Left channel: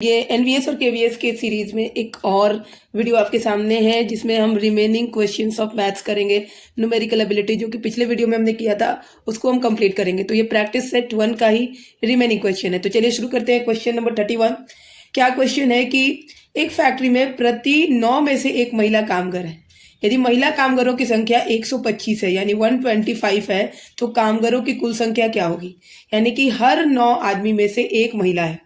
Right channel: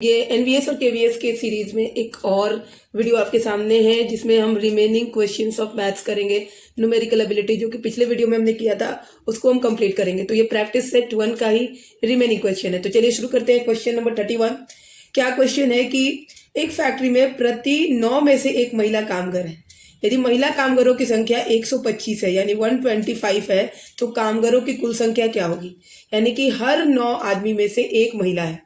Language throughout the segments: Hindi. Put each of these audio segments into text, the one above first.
ये एनवीएस और केवीएस के सीरीज में एक और वीडियो आपके सामने है जिसमें हम रिमेनिंग क्वेश्चंस ऑफ मैथ्स करेंगे। न्यूमेरिकल एबिलिटी जो कि पिछले वीडियो में हमने किया था उसको हम कंप्लीट करेंगे। तो ये प्रैक्टिस सेट 1 का ही रिमेनिंग क्वेश्चन है। तो चलिए शुरू करते हैं। Question number 31। क्या क्वेश्चन है कि एक फैक्ट्री में प्रति 9 में से एक महिला कामगार है। यदि महिला कामगारों की संख्या 125 है यानी 125 है तो कामगारों की कुल संख्या क्या होगी। यानी कि हर 9 आदमी में से एक महिला है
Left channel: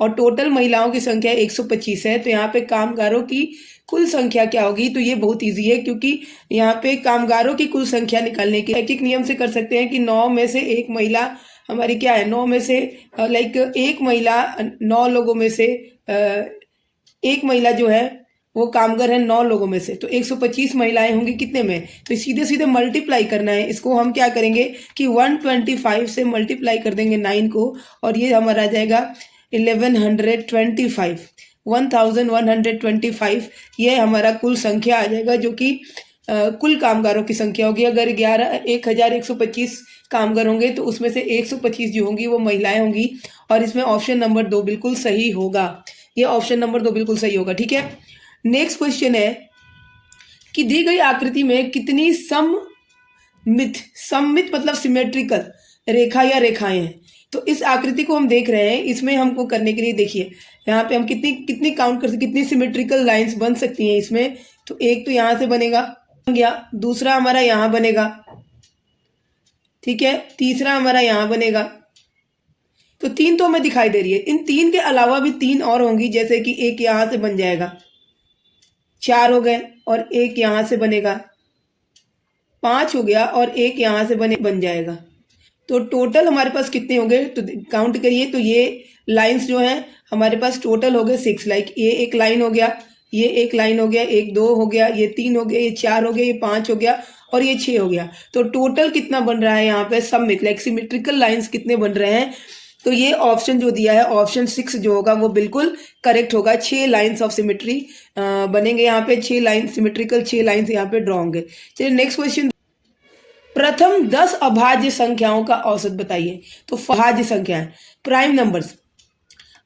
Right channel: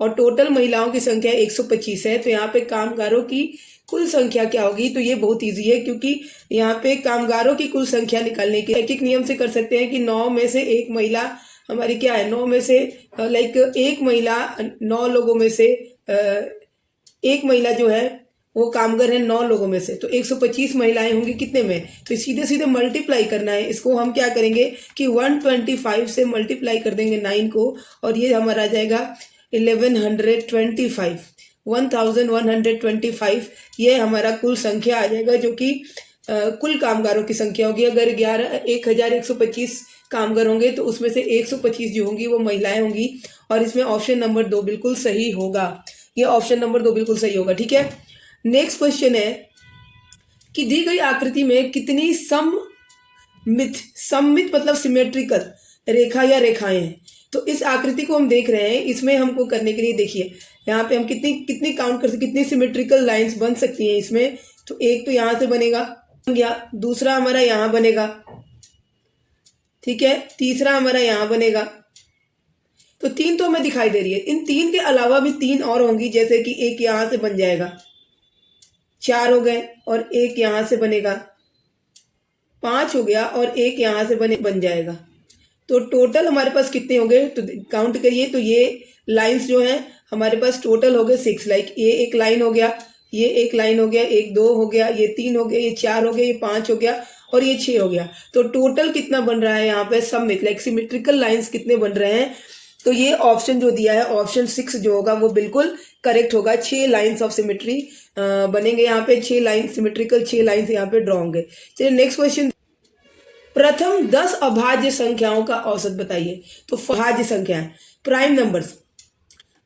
और टोटल महिलाओं की संख्या 125 है। तो यहाँ पे कामगारों की कुल संख्या क्या होगी। तो ये बहुत इजी है क्योंकि यहाँ पे कामगारों की कुल संख्या निकालने के एक नियम से कर सकते हैं कि 9 में से एक महिला हमारी क्या है, 9 में से लाइक एक महिला 9 लोगों में से एक महिला जो है वो कामगार है 9 लोगों में से। तो 125 महिलाएं होंगी कितने में, तो सीधे सीधे मल्टीप्लाई करना है। इसको हम क्या करेंगे कि 125 से मल्टीप्लाई कर देंगे 9 को और ये हमारा आ जाएगा 1125 ये हमारा कुल संख्या आ जाएगा जो कि कुल कामगारों की संख्या होगी। अगर 1125 कामगार होंगे तो उसमें से 125 जो होंगी वो महिलाएं होंगी और इसमें ऑप्शन नंबर 2 बिल्कुल सही होगा। ये ऑप्शन नंबर 2 बिल्कुल सही होगा। ठीक है, नेक्स्ट क्वेश्चन है कि दी गई आकृति में कितनी सममित मतलब सिमेट्रिकल रेखा या रेखाएं हैं। तो इस आकृति को हम देख रहे हैं, इसमें हमको करने के लिए देखिए यहाँ पे हम कितनी काउंट कर सकते, कितनी सिमेट्रिकल लाइंस बन सकती हैं इसमें। तो एक तो यहाँ से बनेगा, दूसरा हमारा यहाँ बनेगा, ठीक है, तीसरा हमारा यहाँ बनेगा। तो 3 तो हमें दिखाई दे रही है। इन 3 के अलावा भी 3 और होंगी, जैसे कि एक यहाँ से बन जाएगा, 4 हो गए और एक यहाँ से बनेगा, 5 हो गया और एक यहाँ से बन जाएगा। तो टोटल हमारे पास कितने हो गए, तो काउंट करिए। तो ये लाइंस जो हैं हमारे पास टोटल हो गए 6। लाइक ये एक लाइन हो गया, ये एक लाइन हो गया, एक 2 हो गया, ये 3 हो गया, ये 4 हो गया, ये 5 हो गया और ये 6 हो गया। तो टोटल कितना बन रहा है यहाँ पे सममित लाइक सिमेट्रिकल लाइंस कितने बन रहे हैं। तो ये ऑप्शन जो दिया है ऑप्शन 6 जो होगा वो बिल्कुल करेक्ट होगा। 6 लाइन्स ऑफ सिमेट्री बनेंगे यहाँ पे, 6 लाइन सिमेट्रिकल 6 लाइन्स यहाँ पे ड्रॉ होंगे। चलिए नेक्स्ट क्वेश्चन, प्रथम 10 अभाज्य संख्याओं का औसत बताइए। तो अभाज्य संख्या है प्राइम नंबर्स,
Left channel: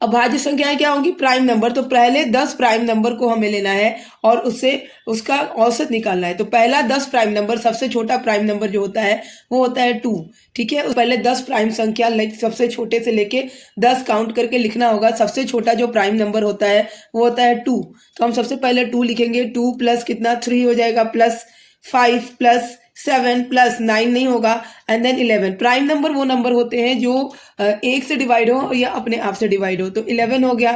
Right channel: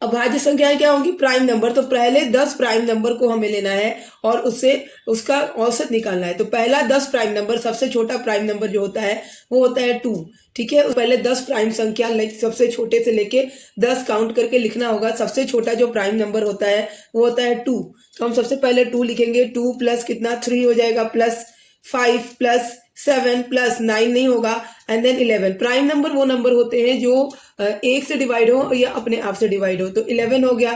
अभाज्य संख्याएं क्या होंगी, प्राइम नंबर। तो पहले 10 प्राइम नंबर को हमें लेना है और उससे उसका औसत निकालना है। तो पहला 10 प्राइम नंबर, सबसे छोटा प्राइम नंबर जो होता है वो होता है 2। ठीक है, पहले 10 प्राइम संख्या लाइक सबसे छोटे से लेके 10 काउंट करके लिखना होगा। सबसे छोटा जो प्राइम नंबर होता है वो होता है 2। तो हम सबसे पहले 2 लिखेंगे। 2 प्लस कितना 3 हो जाएगा, प्लस 5 प्लस 7 प्लस 9 नहीं होगा एंड देन 11। प्राइम नंबर वो नंबर होते हैं जो 1 से डिवाइड हो या अपने आप से डिवाइड हो। तो 11 हो गया,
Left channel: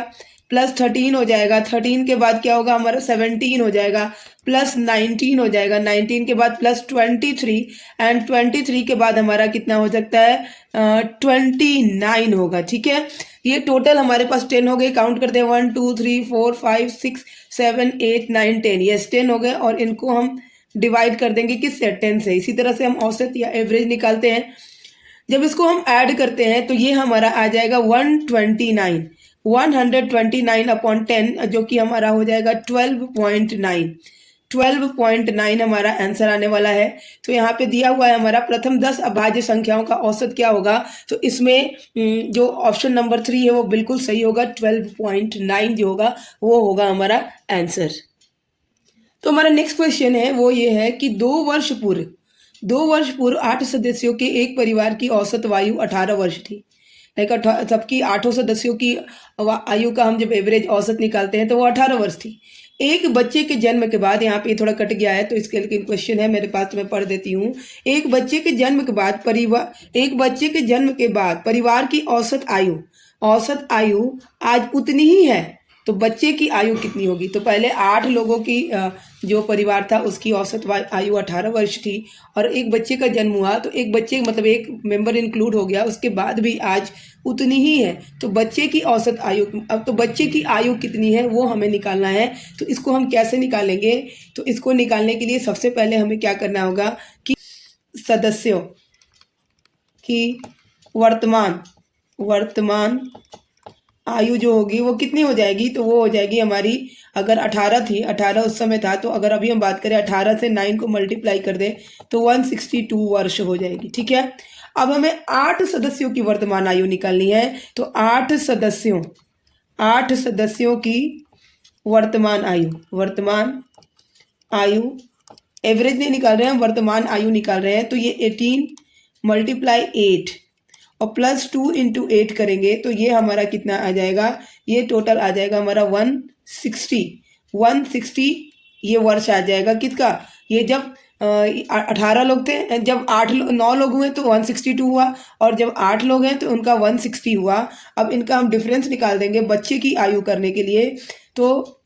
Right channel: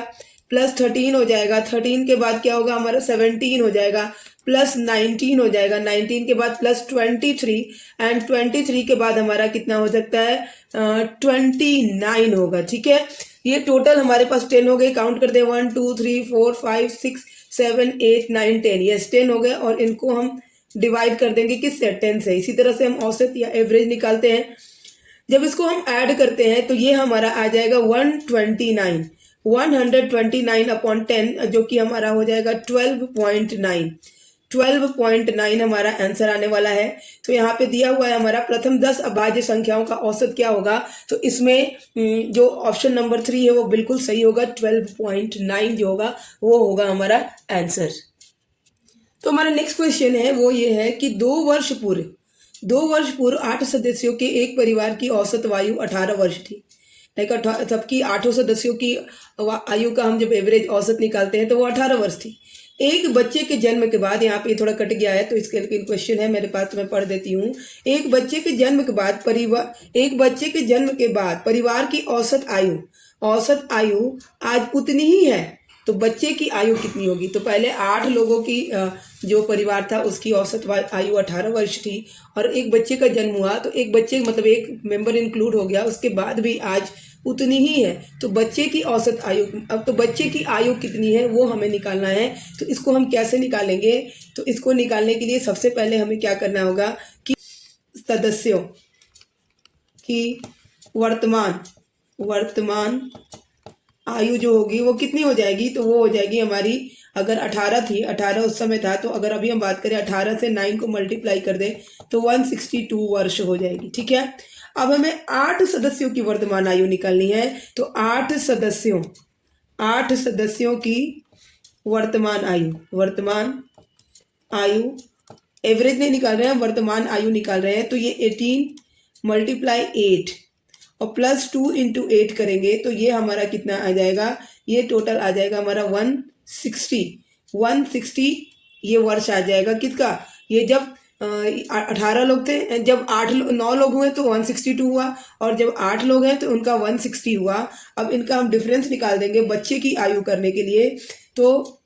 प्लस 13 हो जाएगा, 13 के बाद क्या होगा हमारा 17 हो जाएगा, प्लस 19 हो जाएगा, 19 के बाद प्लस 23 एंड 23 के बाद हमारा कितना हो सकता है 29 होगा। ठीक है, ये टोटल हमारे पास 10 हो गए। काउंट करते हैं 1 2 3 4 5 6 7 8 9 10। यस 10 हो गए और इनको हम डिवाइड कर देंगे किससे, 10 से। इसी तरह से हम औसत या एवरेज निकालते हैं। जब इसको हम ऐड करते हैं तो ये हमारा आ जाएगा 129 अपॉन 10 जो कि हमारा हो जाएगा 12.9 हमारा आंसर आने वाला है। तो यहाँ पे दिया हुआ है हमारा प्रथम 10 अभाज्य संख्याओं का औसत क्या होगा। तो इसमें जो ऑप्शन नंबर 3 है वो बिल्कुल सही होगा। 12.9 जो होगा वो होगा हमारा आंसर। तो हमारा नेक्स्ट क्वेश्चन है वो ये है कि 2 वर्ष पूर्व 8 सदस्यों के एक परिवार की औसत आयु 18 वर्ष थी। लाइक सबकी 8 सदस्यों की आयु का हम जब एवरेज औसत निकालते हैं तो वो 18 वर्ष थी। एक बच्चे के जन्म के बाद, यहाँ पे ये थोड़ा कट गया है तो इसके लेकिन क्वेश्चन है मेरे पास तो मैं पढ़ देती हूँ। एक बच्चे के जन्म के बाद परिवार की औसत आयु आज उतनी ही है, तो बच्चे की आयु कितनी होगी। तो पहले 8 लोगों की जो परिवार था उसकी औसत आयु 18 वर्ष थी और एक बच्चे का जन्म हुआ तो एक बच्चे मतलब एक मेंबर इंक्लूड हो गया, उसके बाद भी आज उतनी ही है। तो बच्चे की औसत आयु, अब तो बच्चे की आयु कितनी है वो हमें निकालना है। तो इसको हम कैसे निकालेंगे, तो इसको निकालने के लिए सबसे पहले हमें क्या करना होगा कि सदस्यों की वर्तमान आयु जो होगी वो कितनी हो जाएगी। तो वो हो जाएगी हमारी, अगर 18 थी, 18 उस समय था, तो अगर अभी हम बात करें 18 से 9 को मल्टीप्लाई कर दें तो 162 वर्ष हो जाएगी। ठीक है, अब हमें 8 सदस्यों की वर्तमान आयु निकालनी है। तो 8 सदस्यों 8 सदस्यों की वर्तमान आयु एवरेज नहीं निकाल रहे हैं, वर्तमान आयु निकाल रहे हैं। तो ये 18 मल्टीप्लाई 8 और प्लस 2 इंटू 8 करेंगे तो ये हमारा कितना आ जाएगा, ये टोटल आ जाएगा हमारा 160 ये वर्ष आ जाएगा किसका, ये जब 18 लोग थे, जब 9 लोग हुए तो 162 हुआ, और जब 8 लोग हैं तो उनका 160 हुआ। अब इनका हम डिफरेंस निकाल देंगे बच्चे की आयु करने के लिए, तो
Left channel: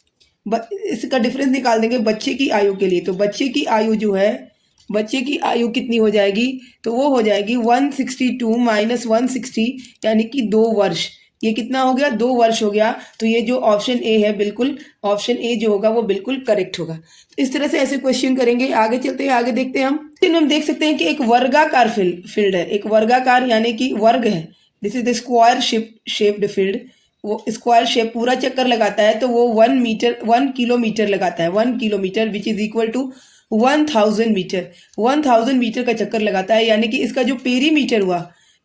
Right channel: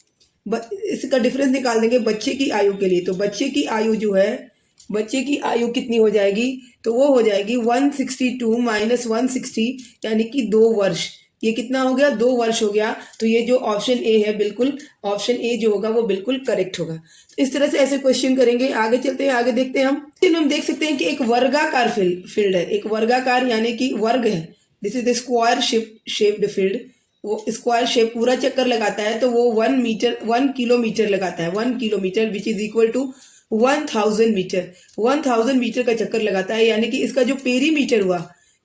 इसका डिफरेंस निकाल देंगे बच्चे की आयु के लिए। तो बच्चे की आयु जो है, बच्चे की आयु कितनी हो जाएगी, तो वो हो जाएगी 162 माइनस 160 यानी कि 2 वर्ष। ये कितना हो गया, 2 वर्ष हो गया। तो ये जो ऑप्शन ए है, बिल्कुल ऑप्शन ए जो होगा वो बिल्कुल करेक्ट होगा। तो इस तरह से ऐसे क्वेश्चन करेंगे। आगे चलते हैं, आगे देखते हैं हम देख सकते हैं कि एक वर्गाकार फील्ड है, एक वर्गाकार यानी कि वर्ग है। This is the square shaped field. वो स्क्वायर शेप पूरा चक्कर लगाता है तो वो 1 किलोमीटर लगाता है, 1 kilometre which is equal to 1000 metre. 1000 metre का चक्कर लगाता है, यानी कि इसका जो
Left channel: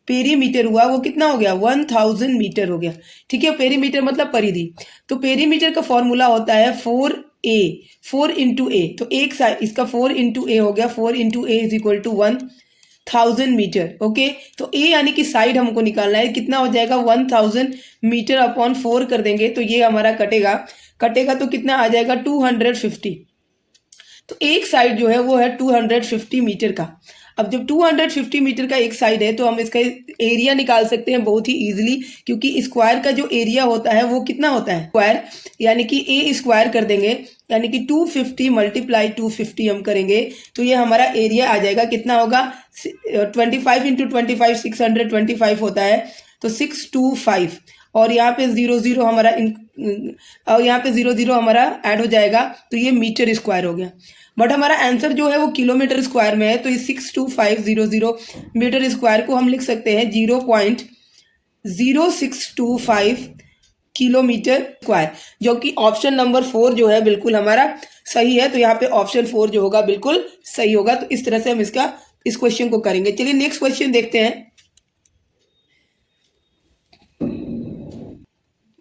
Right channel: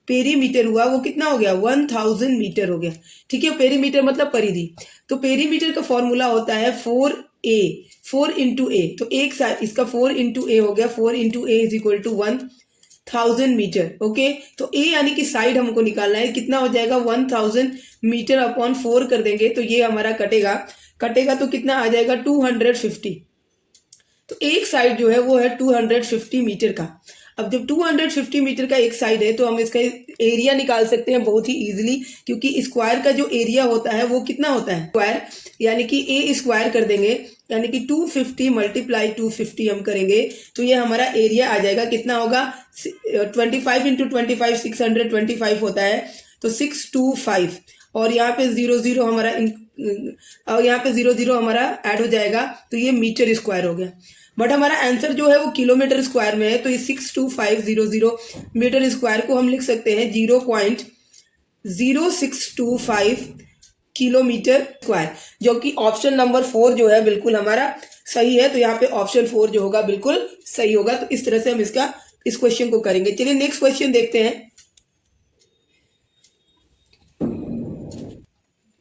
पेरीमीटर हुआ वो कितना हो गया, 1000 मीटर हो गया। ठीक है, पेरीमीटर मतलब परिधि। तो पेरीमीटर का फॉर्मूला होता है 4a, 4 इंटू ए। तो एक साइड इसका 4 इंटू ए हो गया, 4 into A is equal to 1000 metre. Okay, तो ए यानी कि साइड हमको निकालना है, कितना हो जाएगा 1000 मीटर अपॉन 4 कर देंगे तो ये हमारा कटेगा तो कितना आ जाएगा 250। तो एक साइड जो है वो है 250 मीटर का। अब जब 250 मीटर का एक साइड है तो हम इसका एरिया निकाल सकते हैं बहुत ही इजीली, क्योंकि स्क्वायर का जो एरिया होता है वो कितना होता है, स्क्वायर यानी कि ए स्क्वायर कर देंगे, यानी कि 250 मल्टीप्लाई 250 हम करेंगे तो ये हमारा एरिया आ जाएगा, कितना होगा 25 इंटू 25 625 होता है, तो 625। और यहाँ पे 00 हमारा और यहाँ पे 00 हमारा ऐड हो जाएगा तो ये मीटर स्क्वायर हो गया। बट हमारा आंसर जो है वो किलोमीटर स्क्वायर में है, तो ये 62500 मीटर स्क्वायर को हम लिख सकते हैं 0.0625 किलोमीटर स्क्वायर, जो कि ऑप्शन नंबर 4 जो है बिल्कुल हमारा सही है। तो यहाँ पे ऑप्शन 4 जो होगा बिल्कुल सही होगा। तो इस तरह से हम इस क्वेश्चन को करेंगे। चलिए नेक्स्ट क्वेश्चन देखते हैं।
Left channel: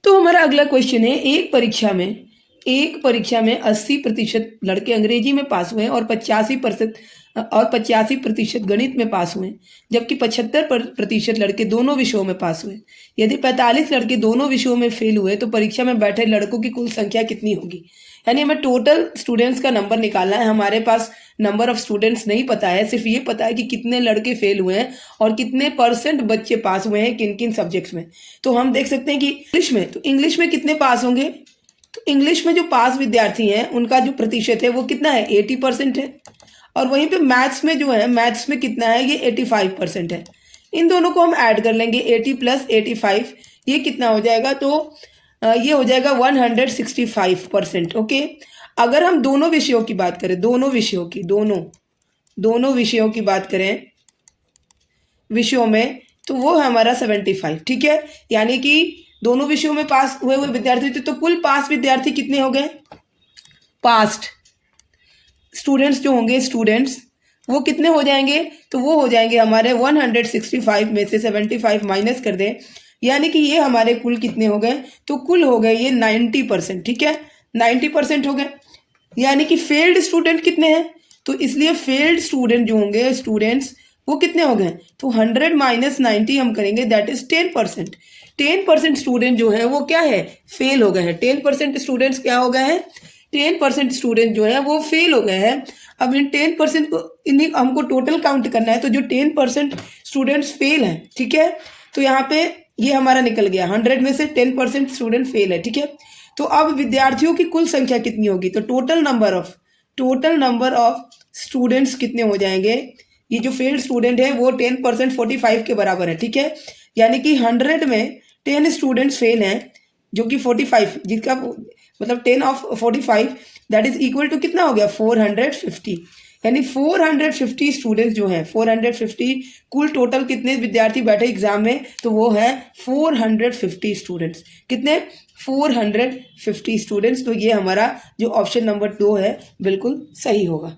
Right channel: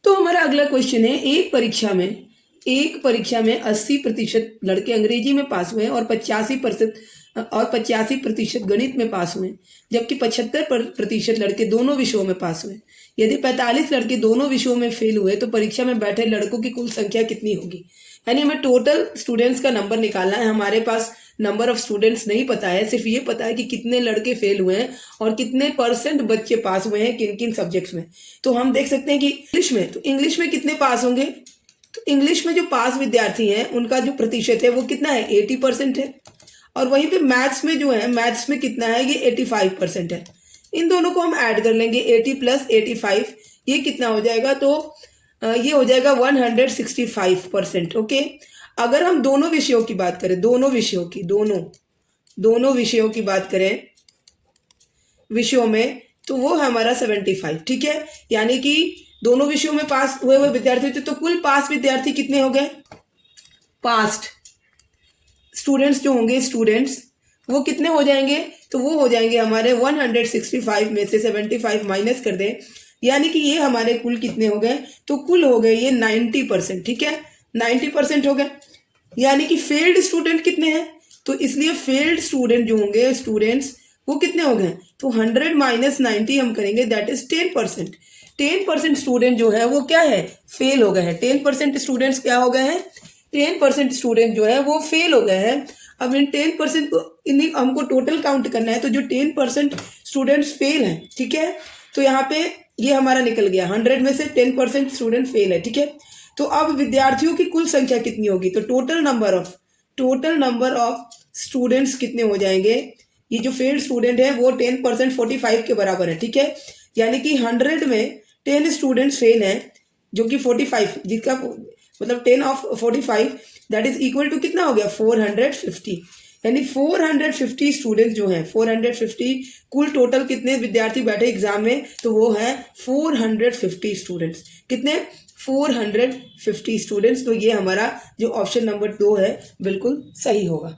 तो हमारा अगला क्वेश्चन है, एक परीक्षा में 80% लड़के अंग्रेजी में पास हुए और 85% गणित में पास हुए, जबकि 75% लड़के दोनों विषयों में पास हुए। यदि 45 लड़के दोनों विषयों में फेल हुए तो परीक्षा में बैठे लड़कों की कुल संख्या कितनी होगी। यानी हमें टोटल स्टूडेंट्स का नंबर निकालना है। हमारे पास नंबर ऑफ स्टूडेंट्स नहीं पता है, सिर्फ ये पता है कि कितने लड़के फेल हुए हैं और कितने % बच्चे पास हुए हैं किन किन सब्जेक्ट्स में। तो हम देख सकते हैं कि इंग्लिश में कितने पास होंगे, तो इंग्लिश में जो पास विद्यार्थी हैं उनका जो प्रतिशत है वो कितना है, 80% है। और वहीं पे मैथ्स में जो है, मैथ्स में कितना है, ये 85% है। इन दोनों को हम ऐड कर लेंगे, 80 प्लस 85 ये कितना हो जाएगा, तो ये हो जाएगा 165%। ओके, अगर हम दोनों विषयों की बात करें, दोनों विषयों की बात करें विषयों में, तो वो हमारा 75। ठीक है, यानी कि दोनों विषयों में पास हुए विद्यार्थी थे, तो कुल पास विद्यार्थी कितने हो गए, पास्ट स्टूडेंट्स जो होंगे, स्टूडेंट्स वो कितने हो जाएंगे, तो वो हो जाएंगे हमारे 165 में से 75 माइनस कर दें, यानी कि ये हमारे कुल कितने हो गए, तो कुल हो गए ये 90%। ठीक है, 90% हो गए। यानी कि फेल्ड स्टूडेंट कितने हैं, तो इसलिए फेल्ड स्टूडेंट जो होंगे, स्टूडेंट्स वो कितने हो गए, तो 100 माइनस 90 हम करेंगे, दैट इज 10%। 10% स्टूडेंट जो है वो क्या है, फेल हो गए हैं। 10% स्टूडेंट्स क्या हो गए हैं, 10% स्टूडेंट जो है वो फेल हो गए हैं। अब इन 10% को इन्हीं हमको टोटल काउंट करना है, तो जो 10% स्टूडेंट्स फेल हैं, ठीक है, तो यहाँ पे ये हमारा निकल गया, 100 में से 10% स्टूडेंट फेल है। ठीक है, तो अब विद्यार्थियों की कुल संख्या कितनी होगी, तो टोटल नंबर ऑफ स्टूडेंट्स कितने हो जाएंगे, ये जो फेल्ड स्टूडेंट है वो 10% 45 के बराबर है। ठीक है, यानी कि 100 में 10 स्टूडेंट्स फेल हैं, जो कि 45, जिसका मतलब 10 of 45 that is equal to कितना हो गया, 450। यानी 450 स्टूडेंट्स जो हैं, 450 कुल टोटल कितने विद्यार्थी बैठे एग्जाम में, तो वो है 450 स्टूडेंट्स। कितने, 450 स्टूडेंट्स। तो ये हमारा जो ऑप्शन नंबर 2 है बिल्कुल सही होगा।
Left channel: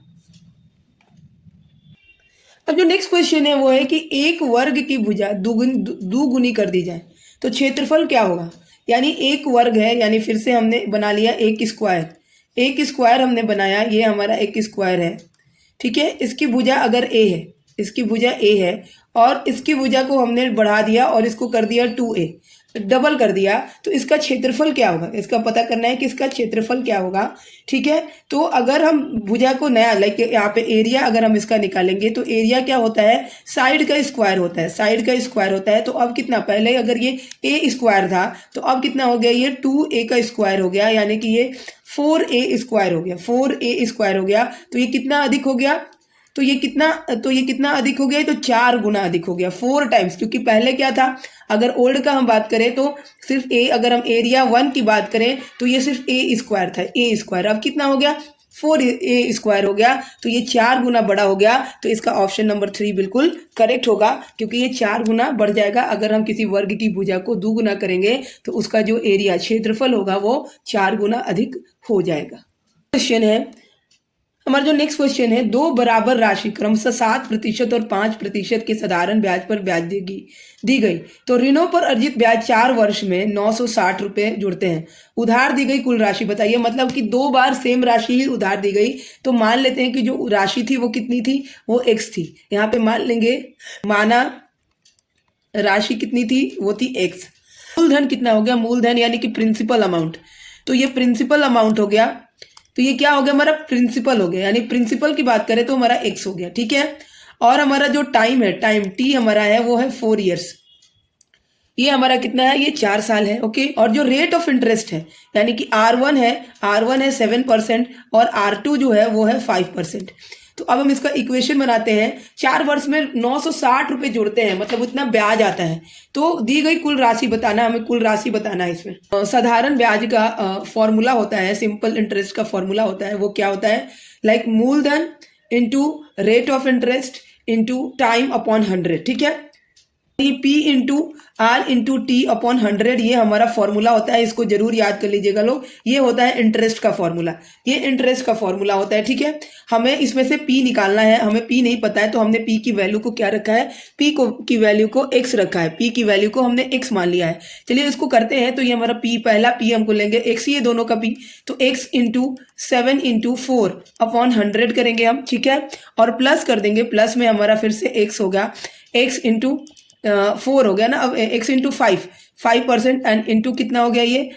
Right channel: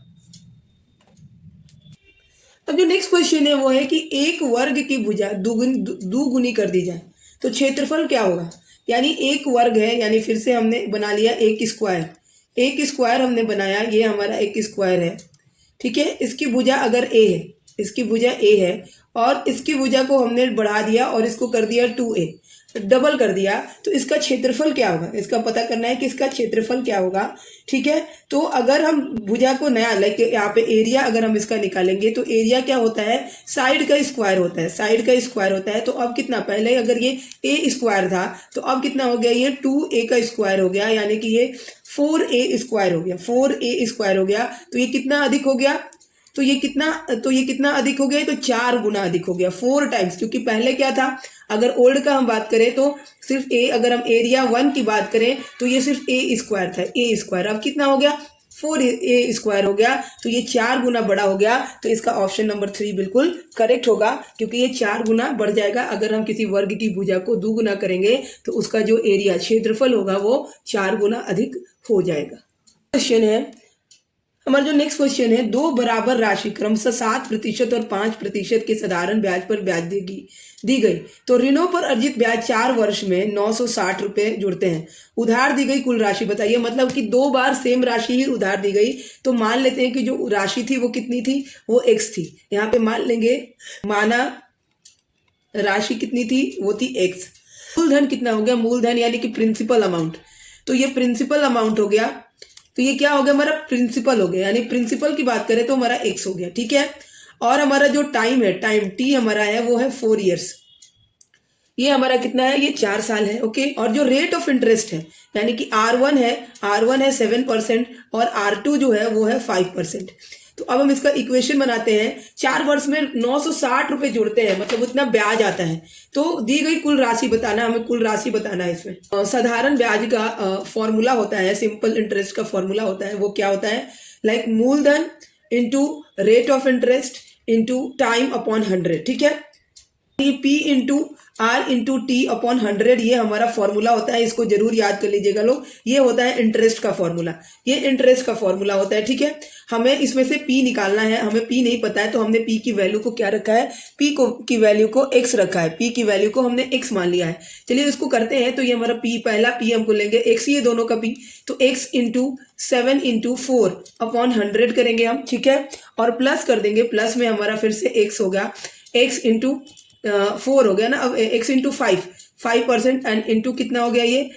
अब जो नेक्स्ट क्वेश्चन है वो है कि एक वर्ग की भुजा दुगुनी कर दी जाए तो क्षेत्रफल क्या होगा। यानी एक वर्ग है, यानी फिर से हमने बना लिया एक स्क्वायर। एक स्क्वायर हमने बनाया, ये हमारा एक स्क्वायर है, ठीक है। इसकी भुजा अगर ए है, इसकी भुजा ए है और इसकी भुजा को हमने बढ़ा दिया और इसको कर दिया 2a, डबल कर दिया, तो इसका क्षेत्रफल क्या होगा, इसका पता करना है कि इसका क्षेत्रफल क्या होगा, ठीक है। तो अगर हम भुजा को नया लाइक यहाँ पे एरिया अगर हम इसका निकालेंगे तो एरिया क्या होता है, साइड का स्क्वायर होता है, साइड का स्क्वायर होता है। तो अब कितना, पहले अगर ये ए स्क्वायर था तो अब कितना हो गया, ये 2a का स्क्वायर हो गया, यानी कि ये 4a स्क्वायर हो गया, 4a स्क्वायर हो गया। तो ये कितना अधिक हो गया, तो ये कितना अधिक हो गया, तो 4 गुना अधिक हो गया, 4 टाइम्स। क्योंकि पहले क्या था, अगर ओल्ड का हम बात करें तो सिर्फ ए, अगर हम एरिया 1 की बात करें तो ये सिर्फ ए स्क्वायर था, ए स्क्वायर। अब कितना हो गया, 4a स्क्वायर हो गया, तो ये 4 गुना बड़ा हो गया। तो इसका ऑप्शन नंबर 3 बिल्कुल करेक्ट होगा, क्योंकि ये 4 गुना बढ़ जाएगा। अगर हम किसी वर्ग की भुजा को 2 गुना करेंगे तो उसका जो एरिया क्षेत्रफल होगा वो 4 गुना अधिक हो जाएगा। क्वेश्चन है हमारा जो नेक्स्ट क्वेश्चन है, दो बराबर राशि क्रमशः 7% और 5% के साधारण ब्याज पर ब्याज दी गई, तो ऋणों पर अर्जित ब्याज 4 वर्ष में 960 रुपए जुड़ते हैं। उधार दी गई कुल राशि बताइए। मतलब कि 2 बार सेम राशि ही उधार दी गई, तो मान लेते हैं कि जो राशि थी वो कितनी थी, वो x थी। यहाँ पे मान लेंगे, माना राशि कितनी थी, वो थी x। मूलधन कितना हो गया, मूलधन यानी कि प्रिंसिपल अमाउंट, तो ये प्रिंसिपल अमाउंट हो गया। तो ये क्या हो गया, हमारा प्रिंसिपल हो गया, यानी प्रिंसिपल की बात करें तो हमारा x हो गया, ठीक है। और हमारा जो टाइम है, टाइम t हमारा है वो है 4 ईयर्स, ये हमारा कितना है, ये 4 साल है, ओके। और जो रेट ऑफ इंटरेस्ट है, यानी कि R1 है 7% और R2 जो है वो है 5%। तो अब हम इसका इक्वेशन बनाते हैं। 4 वर्ष में 960 रुपए जुड़ते हैं, मतलब उतना ब्याज आता है। तो दी गई कुल राशि बताना, हमें कुल राशि बताना है। इसमें साधारण ब्याज का फॉर्मूला होता है, सिंपल इंटरेस्ट का फॉर्मूला होता है, वो क्या होता है, लाइक मूलधन into rate of interest into time upon 100, ठीक है। ये P into R into T upon 100 ये हमारा फॉर्मूला होता है, इसको जरूर याद कर लीजिएगा लोग। ये होता है इंटरेस्ट का फॉर्मूला, ये इंटरेस्ट का फॉर्मूला होता है, ठीक है। हमें इसमें से P निकालना है, हमें P नहीं पता है, तो हमने P की वैल्यू को क्या रखा है, की वैल्यू को x रखा है, P की वैल्यू को हमने x मान लिया है। चलिए इसको करते हैं। तो ये हमारा P, पहला P हमको लेंगे x, ये दोनों का P, तो x इंटू 7 इंटू 4 अपॉन 100 करेंगे हम, ठीक है। और प्लस कर देंगे, प्लस में हमारा फिर से x हो गया, x इंटू 4 हो गया ना, अब x इंटू 5% एंड इंटू कितना हो गया, ये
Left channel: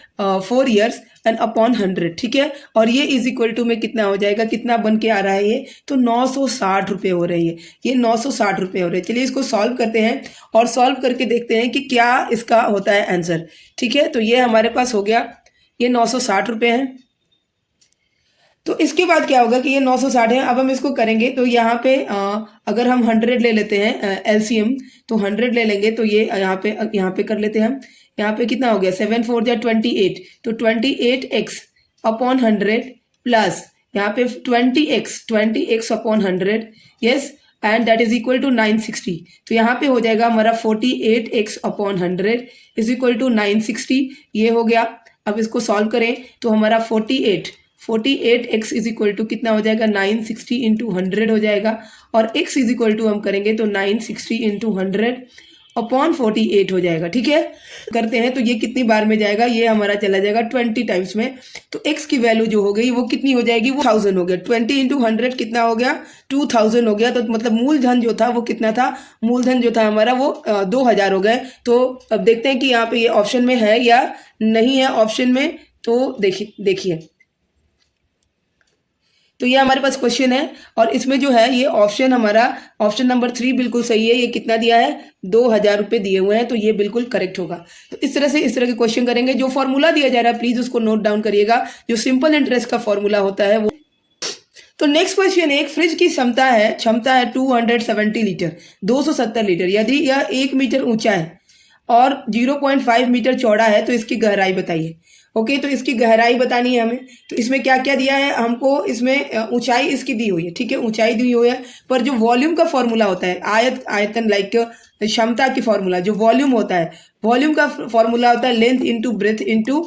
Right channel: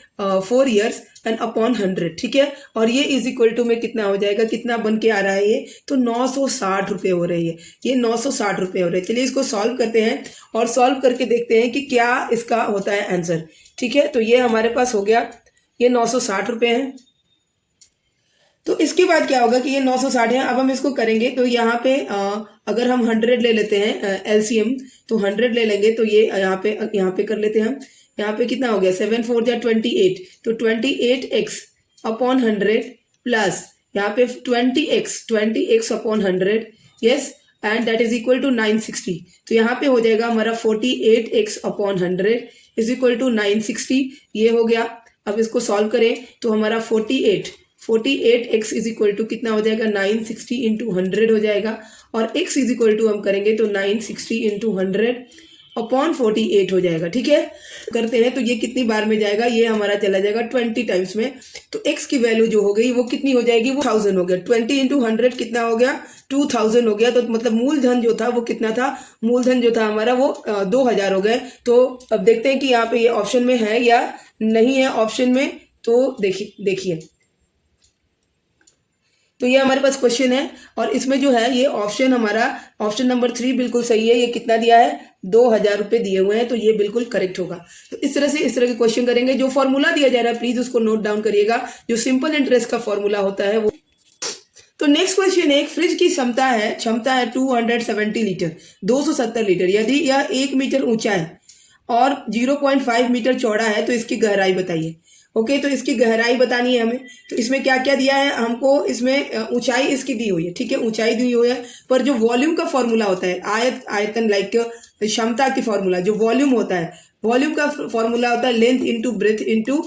4 ईयर्स एंड अपॉन 100, ठीक है। और ये इज इक्वल टू में कितना हो जाएगा, कितना बन के आ रहा है ये, तो 960 रुपये हो रही है, ये 960 रुपये हो रहे हैं। चलिए इसको सॉल्व करते हैं और सॉल्व करके देखते हैं कि क्या इसका होता है आंसर, ठीक है। तो ये हमारे पास हो गया, ये 960 रुपये है। तो इसके बाद क्या होगा कि ये 960 है। अब हम इसको करेंगे तो यहाँ पे अगर हम 100 ले लेते हैं LCM, तो 100 ले लेंगे, तो ये यहाँ पे कर लेते हैं हम। यहाँ पे कितना हो गया, 7 4 जा 28, तो 28x अपॉन 100 प्लस यहाँ पे 20x upon 100, yes, and that is equal to 960। तो यहाँ पे हो जाएगा हमारा 48x upon 100 is equal to 960, ये हो गया। अब इसको सॉल्व करें तो हमारा 48x इज इक्वल टू कितना हो जाएगा, 960 इंटू 100 हो जाएगा। और x इज इक्वल टू हम करेंगे तो 960 इंटू 100 अपॉन 48 हो जाएगा, ठीक है। करते हैं तो ये कितनी बार में जाएगा, ये हमारा चला जाएगा 20 टाइम्स में। तो x की वैल्यू जो हो गई वो कितनी हो जाएगी, वो 1000 हो गया। 20 इंटू 100 कितना हो गया, 2000 हो गया। तो मतलब मूलधन जो था वो कितना था, मूलधन जो था हमारा वो 2000 हो गए। तो अब देखते हैं कि यहाँ पे ये ऑप्शन में है या नहीं है ऑप्शन में। तो देखिए तो ये हमारे पास क्वेश्चन है और इसमें जो है ये ऑप्शन हमारा ऑप्शन नंबर 3 बिल्कुल सही है। ये कितना दिया है, 2000 रुपये दिए हुए हैं, तो ये बिल्कुल करेक्ट होगा। तो इस तरह के क्वेश्चन करेंगे। जो फॉर्मूला दिया जा रहा है प्लीज उसको नोट डाउन करिएगा, जो सिंपल इंटरेस्ट का फॉर्मूला होता है वो। तो नेक्स्ट क्वेश्चन है, एक फ्रिज की क्षमता है 270 लीटर, 270 लीटर। यदि यह 1 मीटर ऊंचा है और 0.5 मीटर चौड़ा है तो इसकी गहराई बताइए। ओके, तो इसकी गहराई बतानी है हमें। तो इसमें क्या क्या दिया है हमको, इसमें ऊंचाई इसकी दी हुई है, ठीक है, ऊंचाई दी हुई है। पर जो वॉल्यूम का फॉर्मूला होता है, आयतन लाइक क्षमता की फॉर्मूला, जो वॉल्यूम होता है, वॉल्यूम का फॉर्मूला होता है length into breadth into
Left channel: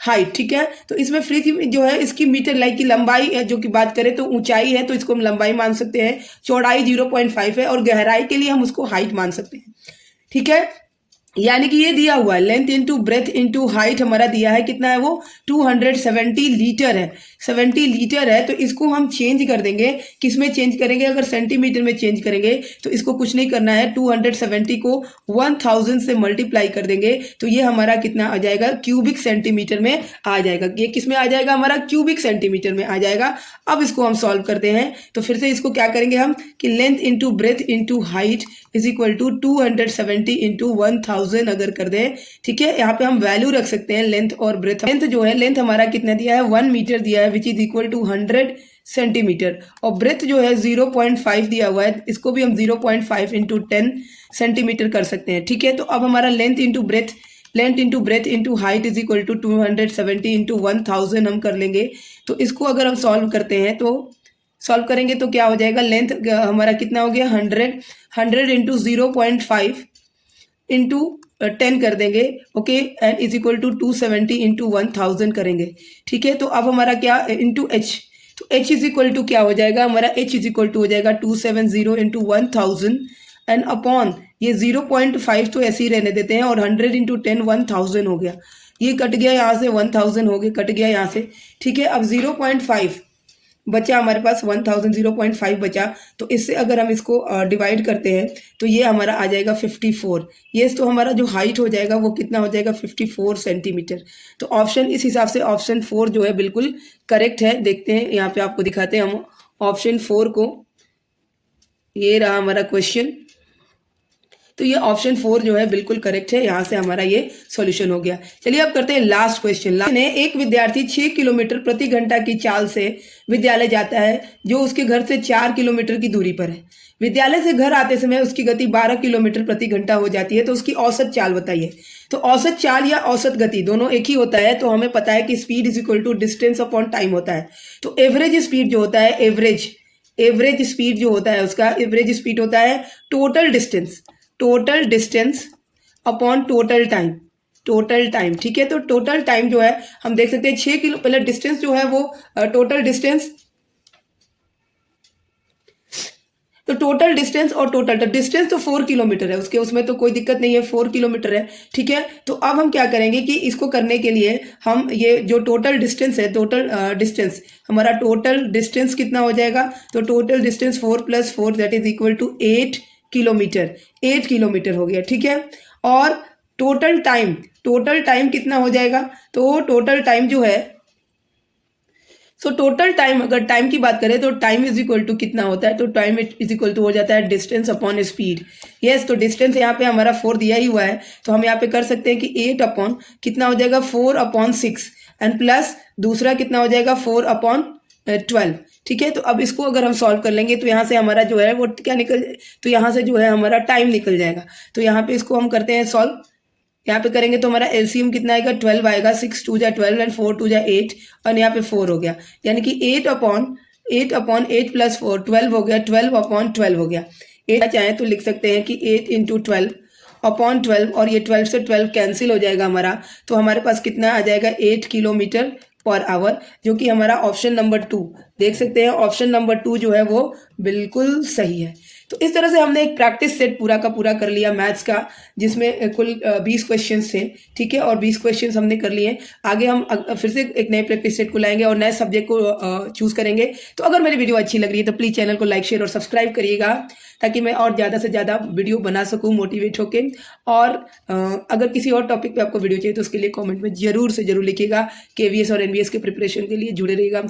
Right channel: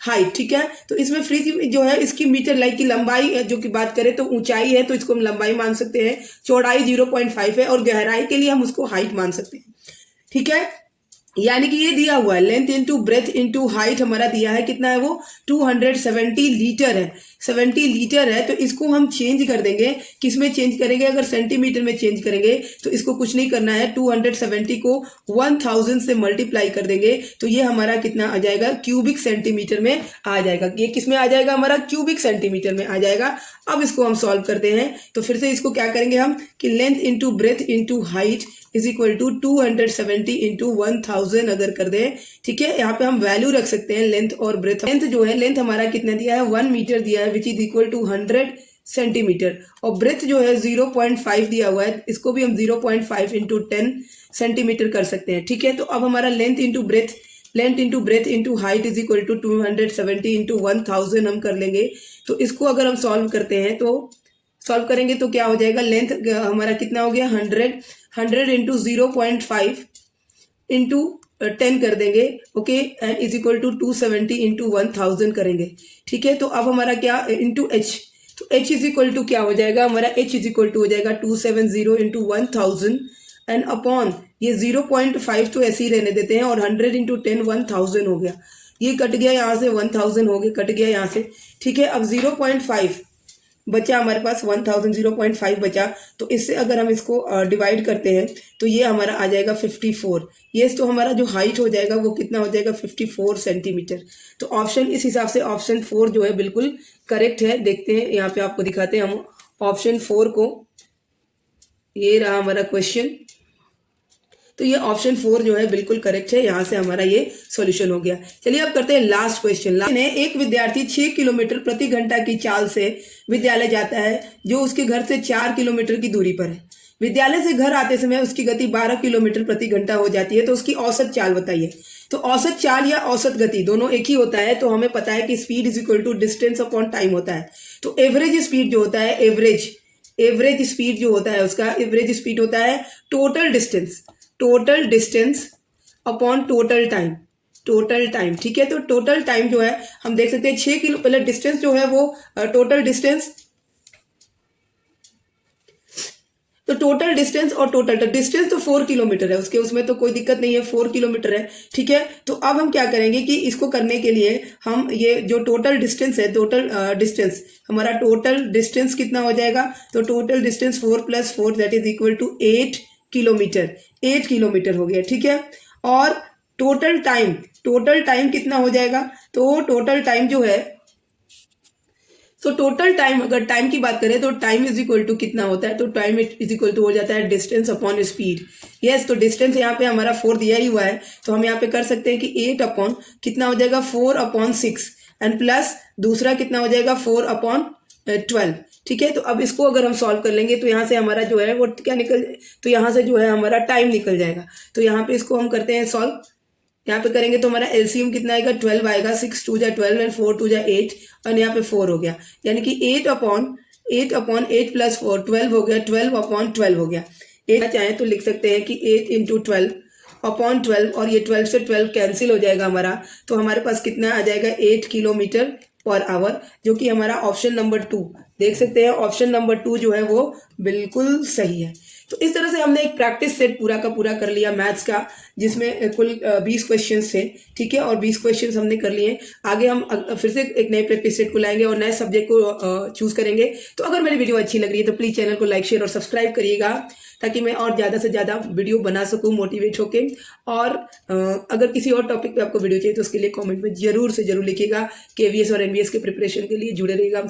height, ठीक है। तो इसमें फ्रिज जो है इसकी मीटर लाइक की लंबाई जो की बात करें तो ऊंचाई है, तो इसको हम लंबाई मान सकते हैं। चौड़ाई 0.5 है और गहराई के लिए हम उसको हाइट मान सकते हैं, ठीक है। यानी कि ये दिया हुआ है length into breadth into height हमारा दिया है, कितना है वो 270 लीटर है, 70 लीटर है। तो इसको हम चेंज कर देंगे, किसमें चेंज करेंगे, अगर सेंटीमीटर में चेंज करेंगे तो इसको कुछ नहीं करना है, 270 को 1000 से मल्टीप्लाई कर देंगे तो ये हमारा कितना आ जाएगा, क्यूबिक सेंटीमीटर में आ जाएगा। ये किस में आ जाएगा, हमारा क्यूबिक सेंटीमीटर में आ जाएगा। अब इसको हम सॉल्व करते हैं, तो फिर से इसको क्या करेंगे हम कि length into breadth into height is equal to 270 into 1000 अगर कर दें, ठीक है। यहाँ पे हम वैल्यू रख सकते हैं लेंथ और ब्रेथ। लेंथ जो है, लेंथ हमारा कितना दिया है, 1 मीटर दिया है, which is equal to 100 centimetre. और ब्रेथ जो है 0.5 दिया हुआ है, इसको भी हम 0.5 इंटू 10 सेंटीमीटर कर सकते हैं, ठीक है। तो अब हमारा length into breadth into height is equal to 270 into 1000 हम कर लेंगे। तो इसको अगर हम सॉल्व करते हैं तो सॉल्व करेंगे तो क्या हो जाएगा, लेंथ हमारा कितना हो गया 100 इंटू 0.5 इंटू 10 कर देंगे, okay, and is equal to 270 into 1000 करेंगे, ठीक है। तो अब हमारा क्या इंटू एच, तो एच इज इक्वल टू क्या हो जाएगा, हमारा एच इज इक्वल टू हो जाएगा 270 इंटू 1000 एंड अपॉन ये 0.5 तो ऐसे ही रहने देते हैं, और 100 इंटू 10 1000 हो गया, ये कट गया यहाँ से, 1000 हो गया, कट गया यहाँ से, ठीक है। अब 0.5 बचा हमारे पास, 1000 0.5 बचा, तो इससे अगर हम इसको डिवाइड करते हैं तो ये हमारा आ जाएगा 54। ये तो हमारा जो हाइट हो जाएगा वो कितना हो जाएगा 54 सेंटीमीटर। तो ऑप्शन इस हिसाब से ऑप्शन 4 जो है बिल्कुल करेक्ट है। देखते हैं यहाँ पे आपको दिखाते हैं हम ऑप्शन 4 को, ये रहा हमारा क्वेश्चन। तो ये ऑप्शन 4 जो है बिल्कुल करेक्ट है, यहाँ से हमारा ये सॉल्यूशन हो गया। चलिए अब करते हैं लास्ट क्वेश्चन। एक विद्यार्थी 6 किलोमीटर प्रति घंटा की चाल से विद्यालय जाता है, जो उसके घर से 4 किलोमीटर की दूरी पर है। विद्यालय से घर आते समय उसकी गति 12 किलोमीटर प्रति घंटा हो जाती है, तो उसकी औसत चाल बताइए। तो औसत चाल या औसत गति दोनों एक ही होता है, तो हमें पता है कि speed is equal to distance upon time होता है। तो एवरेज स्पीड जो होता है, एवरेज स्पीड जो होता है उसका एवरेज स्पीड होता है total distance upon total time, ठीक है। तो टोटल टाइम जो है हम देख सकते हैं 6 किलो, पहले डिस्टेंस जो है वो टोटल डिस्टेंस, तो टोटल डिस्टेंस और टोटल डिस्टेंस तो 4 किलोमीटर है, उसके उसमें तो कोई दिक्कत नहीं है, 4 किलोमीटर है, ठीक है। तो अब हम क्या करेंगे कि इसको करने के लिए हम ये जो टोटल डिस्टेंस है, हमारा टोटल डिस्टेंस कितना हो जाएगा, तो total distance 4 + 4 that is equal to 8 kilometre हो गया, ठीक है। और टोटल टाइम कितना हो जाएगा, तो टोटल टाइम जो है, सो टोटल टाइम, अगर टाइम की बात करें तो टाइम इज इक्वल टू कितना होता है, तो टाइम इज इक्वल टू हो जाता है डिस्टेंस अपॉन स्पीड। यस, तो डिस्टेंस यहाँ पे हमारा 4 दिया ही हुआ है, तो हम यहाँ पे कर सकते हैं कि 8 अपॉन कितना हो जाएगा 4/6 एंड प्लस दूसरा कितना हो जाएगा 4/12, ठीक है। तो अब इसको अगर हम सॉल्व कर लेंगे तो यहाँ से हमारा जो है वो क्या निकल, तो यहाँ से जो है हमारा टाइम निकल जाएगा। तो यहाँ पे इसको हम करते हैं सॉल्व, यहाँ पे करेंगे तो हमारा एलसीएम कितना आएगा 12 आएगा, 6 2 जा 12 एंड 4 2 जा 8 और यहाँ पे 4 हो गया, यानी कि 8/8 + 4 12 हो गया, 12/12 हो गया। 8 चाहे तो लिख सकते हैं कि 8 × 12/12 और ये 12 से 12 कैंसिल हो जाएगा हमारा, तो हमारे पास कितना आ जाएगा 8 किलोमीटर पर आवर, जो कि हमारा ऑप्शन नंबर 2 देख सकते हैं, ऑप्शन नंबर 2 जो है वो बिल्कुल सही है। तो इस तरह से हमने एक प्रैक्टिस सेट पूरा का पूरा कर लिया मैथ्स का, जिसमें कुल 20 क्वेश्चंस थे, ठीक है, और 20 क्वेश्चंस हमने कर लिए। आगे हम फिर से एक नए प्रैक्टिस सेट को लाएंगे और नए सब्जेक्ट को चूज करेंगे। तो अगर मेरी वीडियो अच्छी लग रही है तो प्लीज़ चैनल को लाइक शेयर और सब्सक्राइब करिएगा, ताकि मैं और ज़्यादा से ज़्यादा वीडियो बना सकूँ मोटिवेट होके। और अगर किसी और टॉपिक पे आपको वीडियो चाहिए तो उसके लिए कमेंट में ज़रूर से ज़रूर लिखिएगा। KVS और NVS के प्रिपरेशन के लिए जुड़े रहिएगा।